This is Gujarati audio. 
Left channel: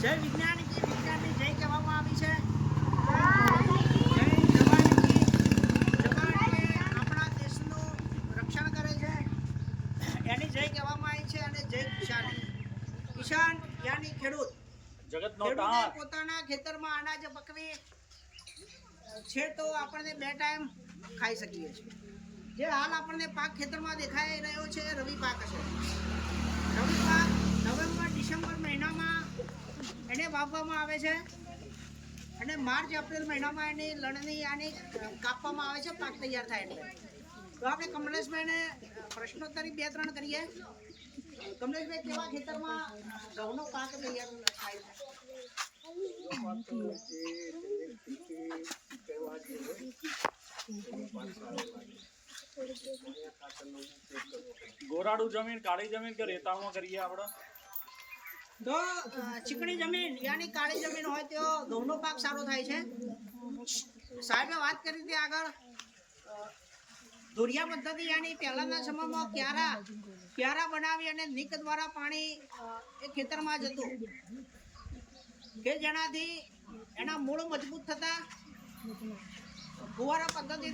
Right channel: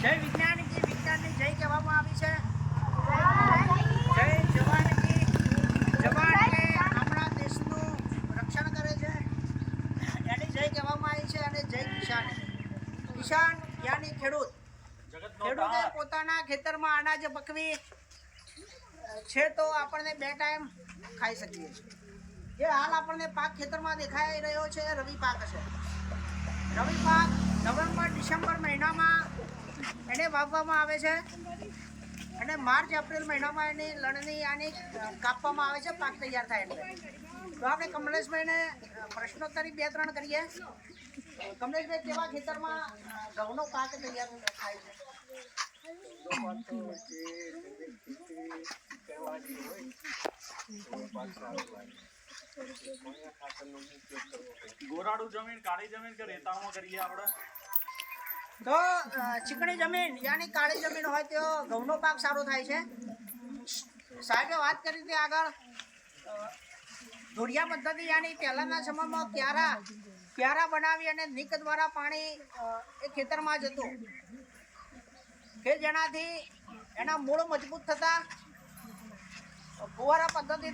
જય વિજ્ઞાનની જય કહેવામાં આવી છે। જય જવાનની જવાન એટલે આપણા દેશનું રક્ષણ કરે છે એની જય કહેવામાં આવી છે। અને જય કિસાન યાની ખેડૂત। ખેડૂતે પોતાના ખેતરમાં અનાજ પકવી છે તો આપણને 2 ટાઈમ ખાઈ શકીએ છીએ। જે હાલ આપણને પાક ખેતરમાં દેખાઈ રહ્યો છે રવિ પાક છે। રવિ પાક નવેમ્બર ડિસેમ્બર મહિનામાં એને વાવવામાં આવે છે અને માર્ચ એપ્રિલ મહિનામાં એની લણણી આની કાપવામાં આવે છે પાક તૈયાર થાય એટલે। તો આપણે કમલેશભાઈને પ્રશ્નોત્તરી 2-3 કરીએ। કમલેશભાઈ, કેવા ખેતરમાં ઘઉંનો પાક તૈયાર થાય છે? ગોરાડું જમીન, કાળી જમીન કે રેતાળમાં કરીએ આપણે? તો ચીકણી જમીન યાની કાળી જમીન હોય તો ઘઉંનો પાક સારો થાય છે। સાહેબે વાત કરી હતી આગળ ધોરિયા પદ્ધતિ યાની પહેલાંના સમયમાં ક્યારા બનાવી અને નીક દ્વારા પાણી એ ખેતરમાં જતું કે જેનાથી એના મૂળ મજબૂત થતા। ફુવારા પદ્ધતિ